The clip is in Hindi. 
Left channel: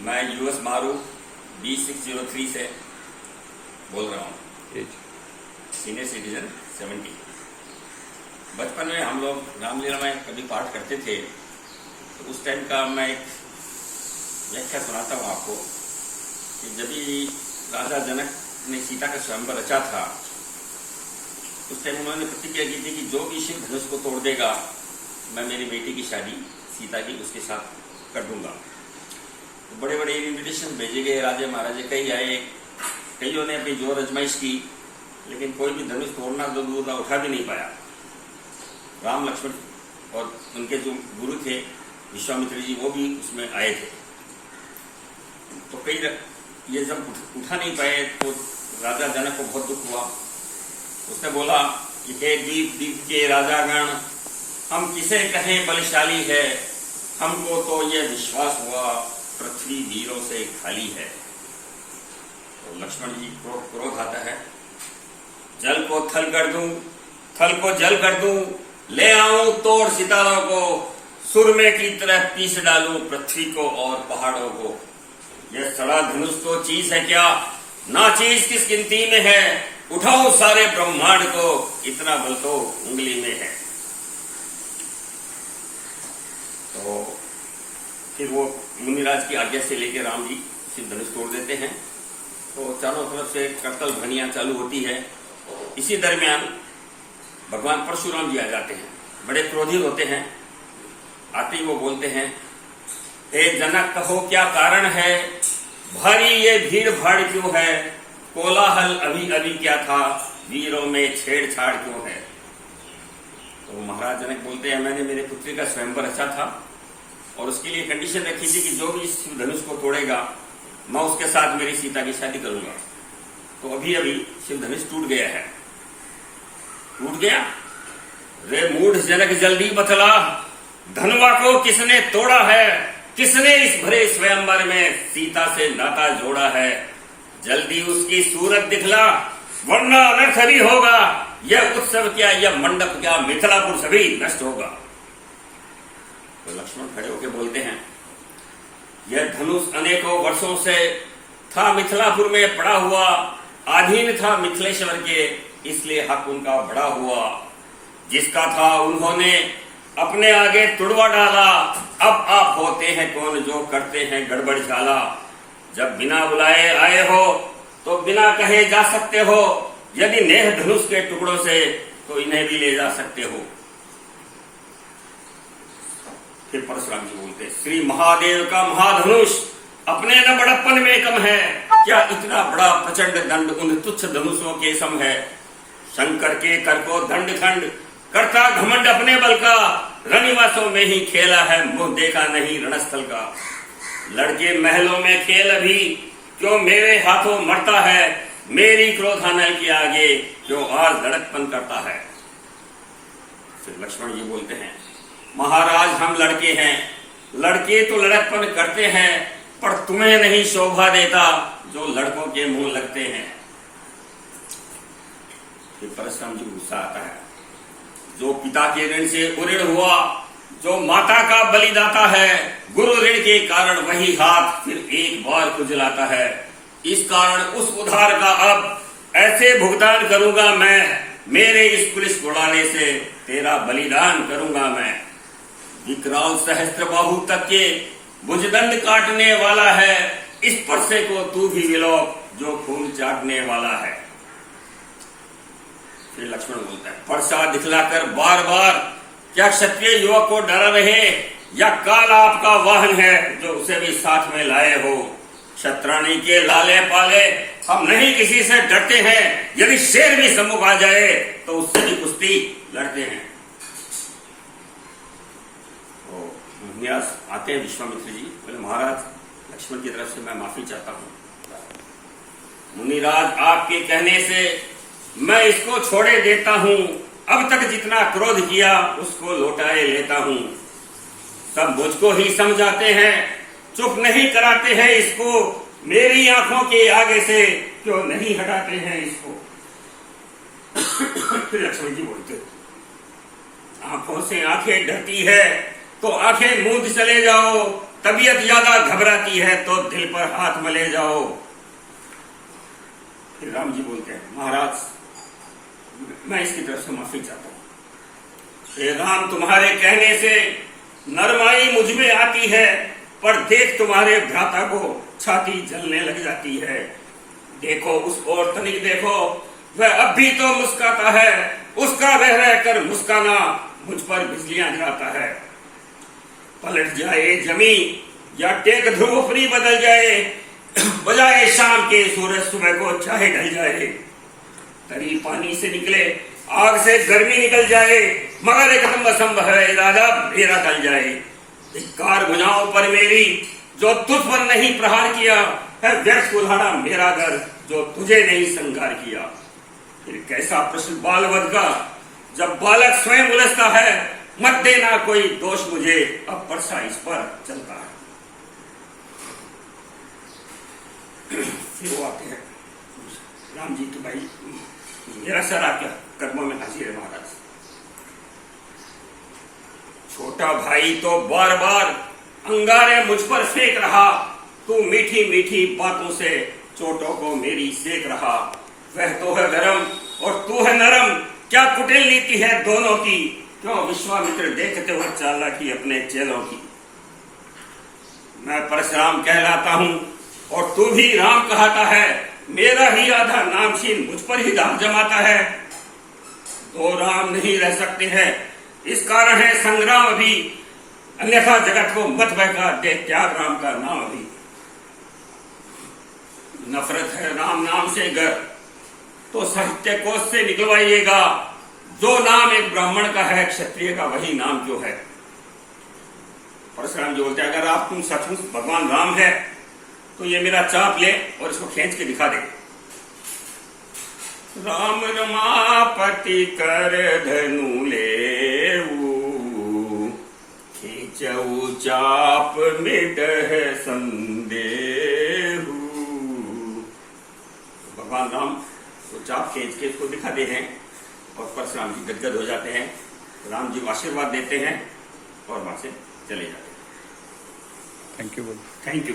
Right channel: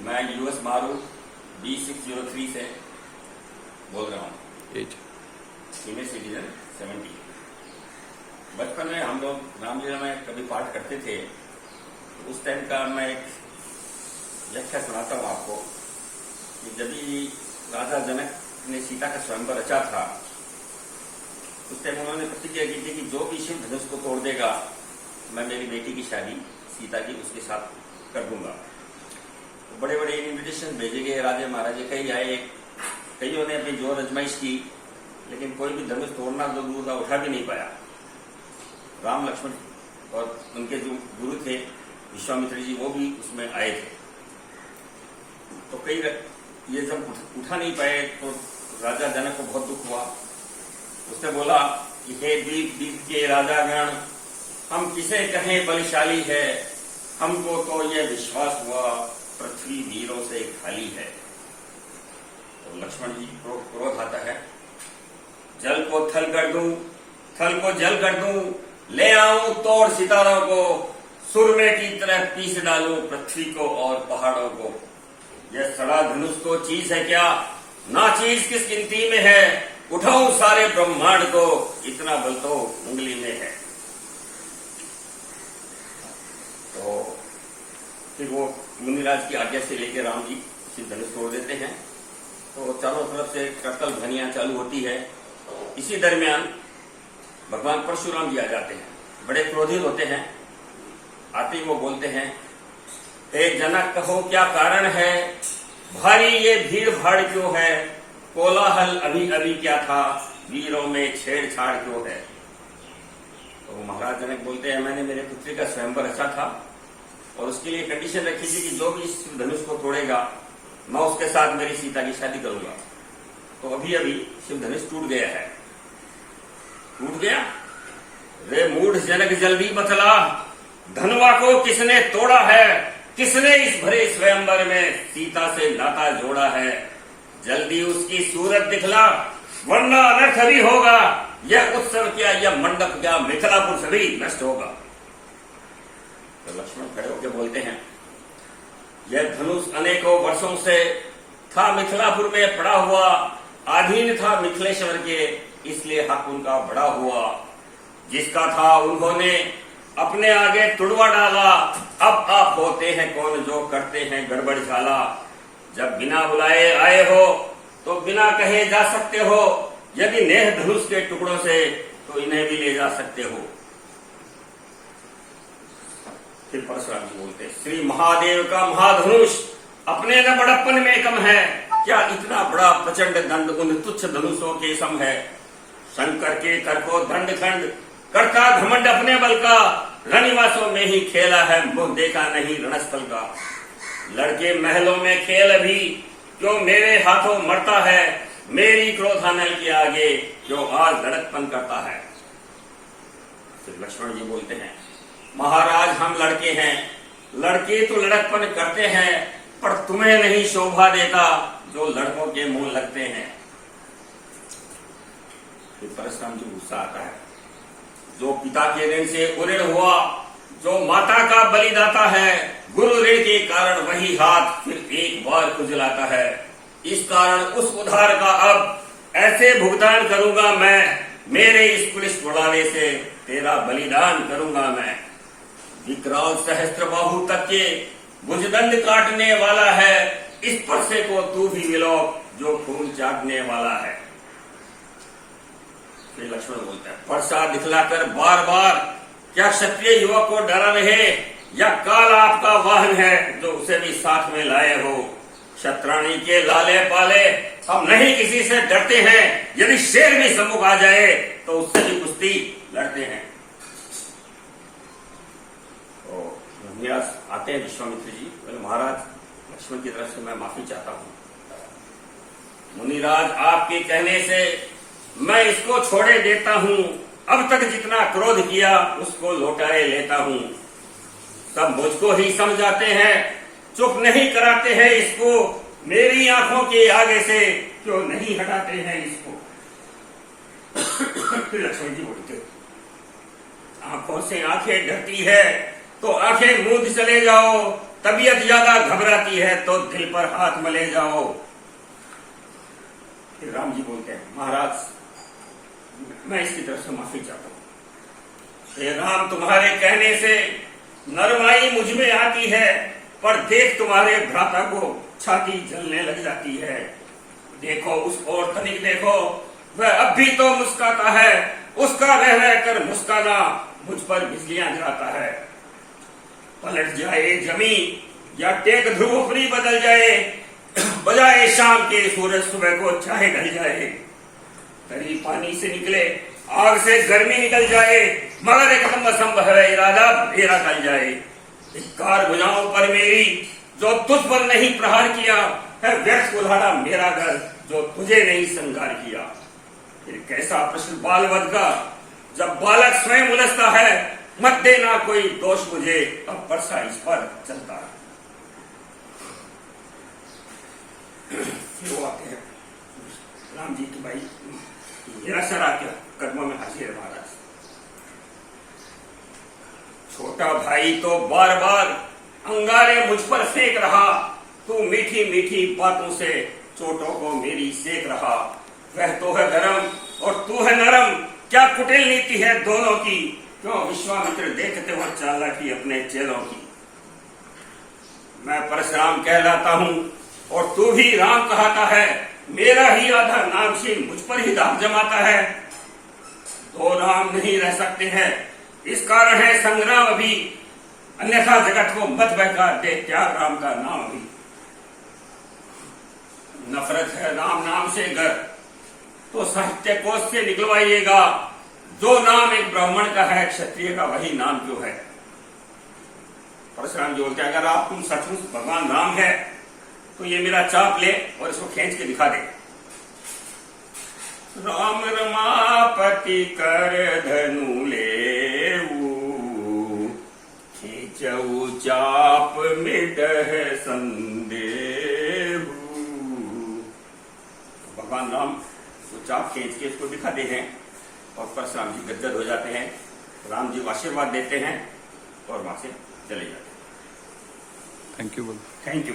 मैं यूएस मारू B603 से बोल रहा हूँ। Senior citizen 70। बचपन में हम लोग रामलीला में कभी पाठ करते थे, तो उस टाइम का मैं एक व्याख्या सुनाता हूँ आपको कि जब भी राजा जनक ने सीता का स्वयंवर रचा था, उस टाइम उन्होंने प्रतिज्ञा की थी कि जो भी शिव धनुष को तोड़ देगा, मैं मेरी बेटी की शादी सीता की उसके साथ कर दूंगा। तो बड़े बड़े इन्विटेशन भेजे गए, राजे महाराजे कई आए, कईयों ने अपनी जोर आजमाइश की, लेकिन कोई भी धनुष तोड़ना जो दूर का उठा भी नहीं पाया। राम लक्ष्मण और उनके जो गुरु थे विश्वामित्र जी, वो भी उसमें आए थे। तो कई ये जब उठा नहीं पाए तो राजा जनक को बहुत दुख हुआ। उसने बोला कि हे द्वीप द्वीप के राजागण, हम किसे कहें बलशाली है, हमको तो यह विश्वास हुआ पृथ्वी वीरों से खाली है। तो लक्ष्मण जी को क्रोध आता है, जल को थल कर दूं, थल को जल कर दूं, ले आऊं तोड़ सितारों को, सुरमे की तरह पीस डालूं पृथ्वी को और पहाड़ों को। यह सड़ा धनुष तो चीज है क्या, ना चीज किस गिनती में है, उठाऊं सारे ब्रह्मांड को, इतना बल तो उंगली में है। तो फिर वो मुनिराज की आज्ञा से लेकर राम जी शिव धनुष तोड़ देते हैं। तो चारों तरफ से करतल ध्वनियां चालू होती है। इसी दरमियान भगवान परशुराम जी आ जाते हैं, बड़े क्रोधित होते हैं। आते ही वो बोलते हैं, हे जनक कहो क्या कारण है, भारी ये भीड़ भाड़ क्यों है, कोलाहल अभी अभी क्या था, वीरों में छेड़छाड़ क्यों है। तो महाराज जनक बोलते हैं, मैंने मेरे पुत्री का स्वयंवर रचा था और उसके लिए कंडीशन रखी थी कि जो भी इस धनुष को तोड़ेगा, मैं उसके साथ मेरी सीता की शादी करूंगा। तो अभी अभी शिव धनुष टूट गया है। टूट गया? रे मूढ़ जनक जल्दी बतला, धनुआ को किसने तोड़ा है, किसने इस भरे स्वयंवर में सीता से नाता जोड़ा है। जल्दी उसकी सूरत दिखला, वरना अनर्थ भी होगा। यह उत्सव क्या, यह मंडप क्या, मिथिलापुर सभी नष्ट होगा। तो लक्ष्मण खड़े होकर बोलते हैं, यह धनुष अनेकों वर्षों से था मिथिलापुर में पड़ा हुआ, अधीन था मिथिलेश्वर के, इसलिए हक उनका बड़ा हुआ। जिसका था उन्होंने अपने आगे तुड़वा डाला, अब आप होते हैं कौन जो करते हैं गड़बड़ झाला। जब बिना बुलाए आए हो तो बिना कहे जा सकते हो, यदि नेह धनुष के टुकड़ों से तो इन्हें भी ले जा सकते हो। फिर परशुराम जी बोलते, श्री महादेव का महाधनुष अपने न बड़प्पन में कम है, क्या इतना बड़ा प्रचंड दंड उन तुच्छ धनुषों के सम है। शंकर के कर को दंड खंड करता घमंड अपने बल का, रनिवासों में ही खेला है मुंह देखा नहीं रणस्थल का। लड़के महलों में खेल अभी, क्यों मेरे हाथों मरता है, मेरी क्रोधानल के आगे क्यों आज लड़कपन करता है। फिर लक्ष्मण जी बोलते हैं, महाराज हम लड़के हैं, लड़के तो लड़कपन करते हैं, पर तुम्हें नहीं शोभा देता जो लड़कों के मुंह लगते हैं। फिर परशुराम जी गुस्सा आता है, जो पिता के ऋण से उऋण हुआ, जो माता का बलिदाता है, गुरु ऋण के कारण वही हाथ फिर एक बार खुजलाता है। इस कारण उस उधार का अब ऐसे भुगतान करूंगा मैं, मेरे इस पुलिस घोड़ाने से तेरा बलिदान करूंगा मैं। विकराल सहस्त्र बाहु तक के भुजदंड काटने वाला है, इस परसे को तू भी विलोप जो खून चाटने वाला है। फिर लक्ष्मण बोलता है, परसा दिखलाकर बार बार क्या क्षत्रिय युवक को डरा रहे, या काल आपका वाहन है जो उसे भी साथ में लाए हो। क्षत्राणी के लाले पाले हम नहीं किसी से डरते हैं, यदि शेर भी सम्मुख आ जाए तो उससे भी कुश्ती लड़ते हैं। तो व्यास आते हैं विश्वामित्र जी, बोले महाराज लक्ष्मण की तरफ से मैं माफी चाहता हूं। मुनिराज आपके कहने से मैं इसको छोड़े देता हूं, अब तक जितना क्रोध किया उसको लौटाए लेता हूं। सब मुझको ही समझाते हैं, चुप नहीं कराते हैं इसको, मेरी आंखों के आगे से क्यों नहीं हटाते हैं इसको। फिर लक्ष्मण जी बोलते, आंखों से आंखें डरती है तो आंखें मूंद चले जाओ, तबीयत ज्यादा घबराती है तो दिल पर हाथ मले जाओ। फिर राम जी बोलते हैं, महाराज मैं इसकी तरफ से माफी चाहता हूं। हे राम, तुम्हारे कहने से नरमाई मुझ में आती है, पर देख तुम्हारे भ्राता को छाती जलने लग जाती है। देखो उस ओर तनिक देखो, वह अब भी तो मुस्काता है, उसका रह रह कर मुस्काना मुझ पर बिजलियां गिराता है। पलट जाए जमीन या टेक ध्रुवपुरी बदल जाए, बजाए शाम के सूरज सुबह को चाहे ढल जाए। तरी पानी से निकले, आग से गर्मी निकल जाए, मगर एक दम असंभव है इरादा मेरा टल जाए। धिक्कार भुजाओं पर मेरी जो तुझ पर नहीं प्रहार किया है, व्यर्थ कुल्हाड़ा मेरा घर जो तुझे नहीं संगार किया। फिर कैसा प्रश्न बालवध का, जब बालक स्वयं उलझता है, मत देना कोई दोष मुझे, अब परसा इस पर चलता है। फिर वो आते हैं राम जी के, भाई मेरा सर आपके कदमों में हाजिर है महाराज। छोटा भाई तो बार बार अंगारे मुझ पर फेंक रहा, तू मीठी मीठी बातों से चोटों को मेरी सेक रहा। वह तो है गरम और तू है नरम, क्या कुटिल नीति है दोनों की, क्यों विश्वामित्र देखते हुए चालाकी अपने चेलों की। मैं परशुराम कहलाता हूं और तू भी राम कहता है, मेरा ही आधा नामशीन मुझ पर ही दाग जमाता है। दो राम नहीं रह सकते हैं, इस कारण है संग्राम अभी, अन्यथा जगत को मत बहका दे त्याग राम का नाम अभी। नफरत है राम नाम से गर, तो साहित्य कोश से निकलवाइएगा। जो नाम एक ब्राह्मण का है, क्षत्रिय का वही नाम क्यों है। परशुराम जी बोलते हैं, अगर आप तुम सचमुच भगवान राम है तो ये मेरा चाप ले और इसको खींच के दिखा दे। राम रमापति कर धनु ले, खींचऊ चाप मिटह संदेहु। भगवान राम वो चाप खींच के इसको दिखाते हैं और परशुराम जी गदगद हो जाते हैं। राम जी आशीर्वाद देते हैं और वहां से चले जाते हैं। Thank you. Thank you.